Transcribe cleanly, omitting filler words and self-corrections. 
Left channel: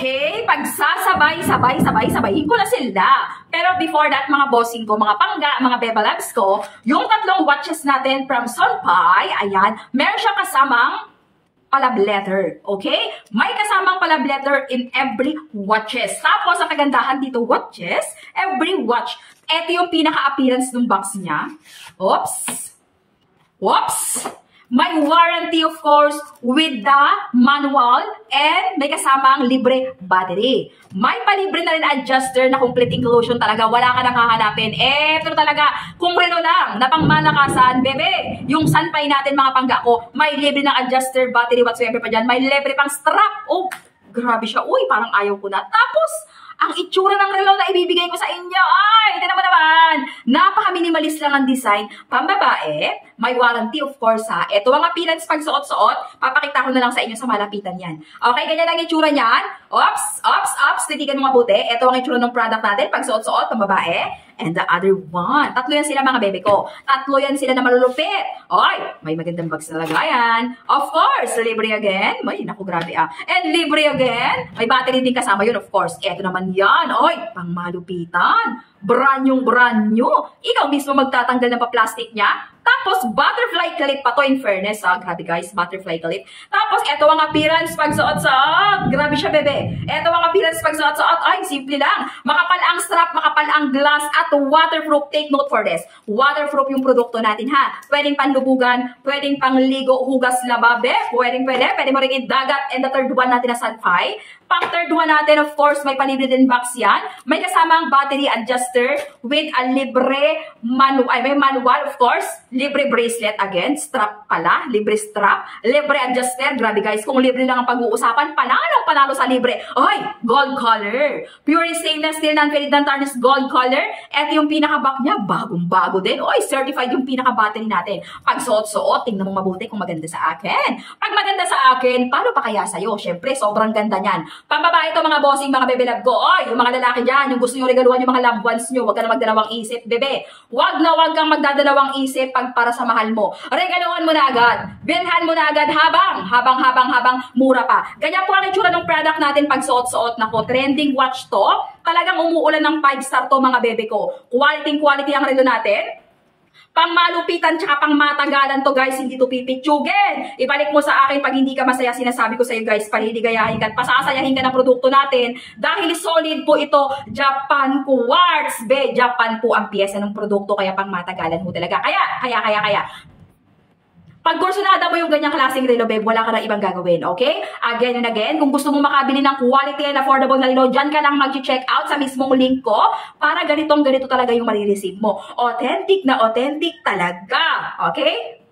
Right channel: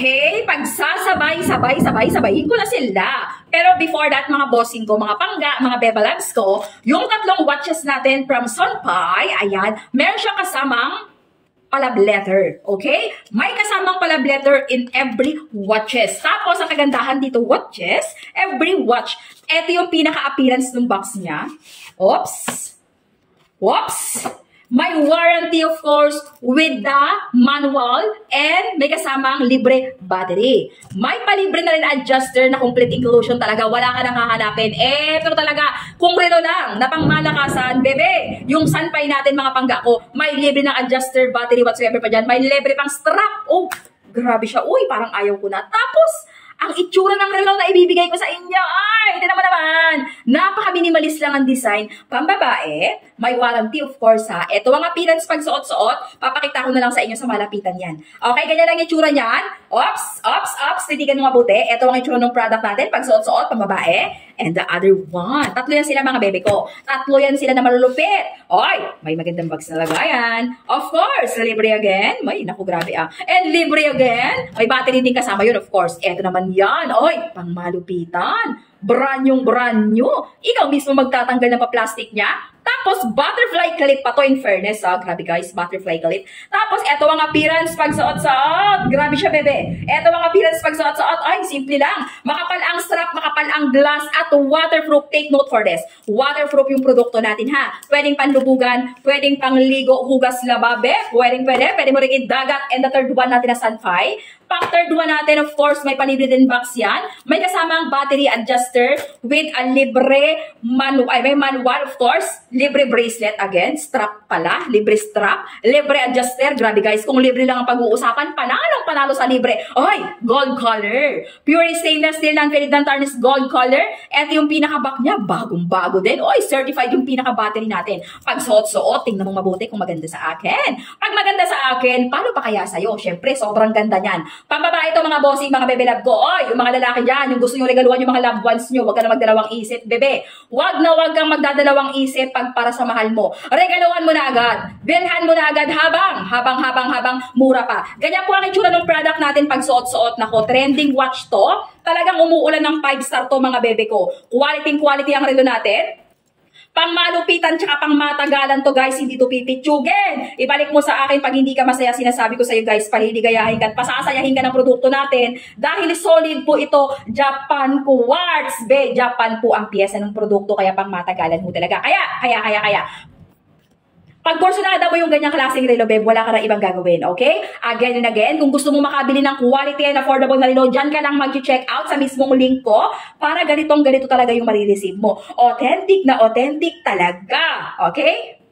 Okay, pagsasabay-sabayin ko na sila. Pero before that, mga bossing ko, mga pangga, mga beba loves ko, yung tatlong watches natin from Sunpai, ayan, meron siyang kasamang palab letter, okay? May kasamang palab letter in every watches. Tapos, ang kagandahan dito, watches, every watch, eto yung pinaka-appearance ng box niya. Oops! May warranty, of course, with the manual and may kasamang libre battery. May palibre na rin adjuster na complete inclusion talaga. Wala ka nang hahanapin. Eto talaga, kung relo lang, na pangmalakasan, bebe, yung Sunpai natin mga pangga ko, may libre ng adjuster, battery, whatsoever pa dyan. May libre pang strap. Oh, grabe siya. Uy, parang ayaw ko na. Tapos, ang itsura ng relo na ibibigay ko sa inyo, ay, ito naman, napaka-minimalist lang ang design. Pambabae, may warranty of course ha. Ito ang appearance pag suot-suot, papakita ko na lang sa inyo sa malapitan yan. Okay, ganyan lang itsura niyan. Ops, titigan mo mabuti. Ito ang itsura ng product natin pag suot-suot, pambabae. And the other one, tatlo yan sila mga bebe ko. Tatlo yan sila na malulupit. Oy, may magandang bags na lagayan. Of course, libre again. May, naku, grabe ah. And libre again. May battery din kasama yun, of course. Ito naman yan. Oy, pang malupitan. Brand new. Ikaw mismo magtatanggal ng pa-plastic niya. Tapos, butterfly clip pa to in fairness. Grabe guys, butterfly clip. Tapos, eto ang appearance pag suot-suot. Grabe siya, bebe. Eto ang appearance pag suot-suot. Ay, simple lang. Makapal ang strap, makapal ang glass, at waterproof. Take note for this. Waterproof yung produkto natin, ha. Pwedeng panlubugan, pwedeng pangligo, hugas lababe. Pwede mo rin idagat. And the third one natin na Sunpai. Pang third one natin, of course, may palibre din box yan. May kasamang battery adjuster with a libre manual, of course. Libre bracelet again. Strap pala. Libre strap. Libre adjuster. Grabe guys, kung libre lang ang pag-uusapan, panalo sa libre. Ay, gold color. Pure stainless steel, non-faded, non-tarnished gold color. Ito yung pinaka-back niya. Bagong-bago din. Oy, certified yung pinaka-battery natin. Pag suot-suot, tingnan mo mabuti kung maganda sa akin. Pag maganda sa akin, paano pa kaya sa'yo? Siyempre, sobrang ganda niyan. Pambabae ito mga bossing, mga bebe love ko. Oy, yung mga lalaki dyan, yung gusto nyo regaluhan yung mga loved ones nyo, huwag ka na magdalawang isip, bebe. Huwag kang magdadalawang isip pag para sa mahal mo. Regaluhan mo na agad. Bilhan mo na agad habang mura pa. Ganyan po ang itsura ng product natin pag suot-suot. Nako, trending watch to. Talagang umuulan ng 5-star to mga bebe ko. Quality ang relo natin. Pang malupitan tsaka pang matagalan to guys, hindi to pipitsugin. Ibalik mo sa akin pag hindi ka masaya, sinasabi ko sa iyo guys, paliligayahin ka at pasasayahin ka ng produkto natin dahil solid po ito, Japan Quartz. Japan po ang piyesa ng produkto, kaya pang matagalan mo talaga. Kaya. Pag porsyonada mo yung ganyang klaseng relo, babe, wala ka na ibang gagawin, okay? Again and again, kung gusto mo makabili ng quality and affordable na relo, dyan ka lang mag-check out sa mismong link ko para ganito talaga yung marireceive mo. Authentic na authentic talaga, okay?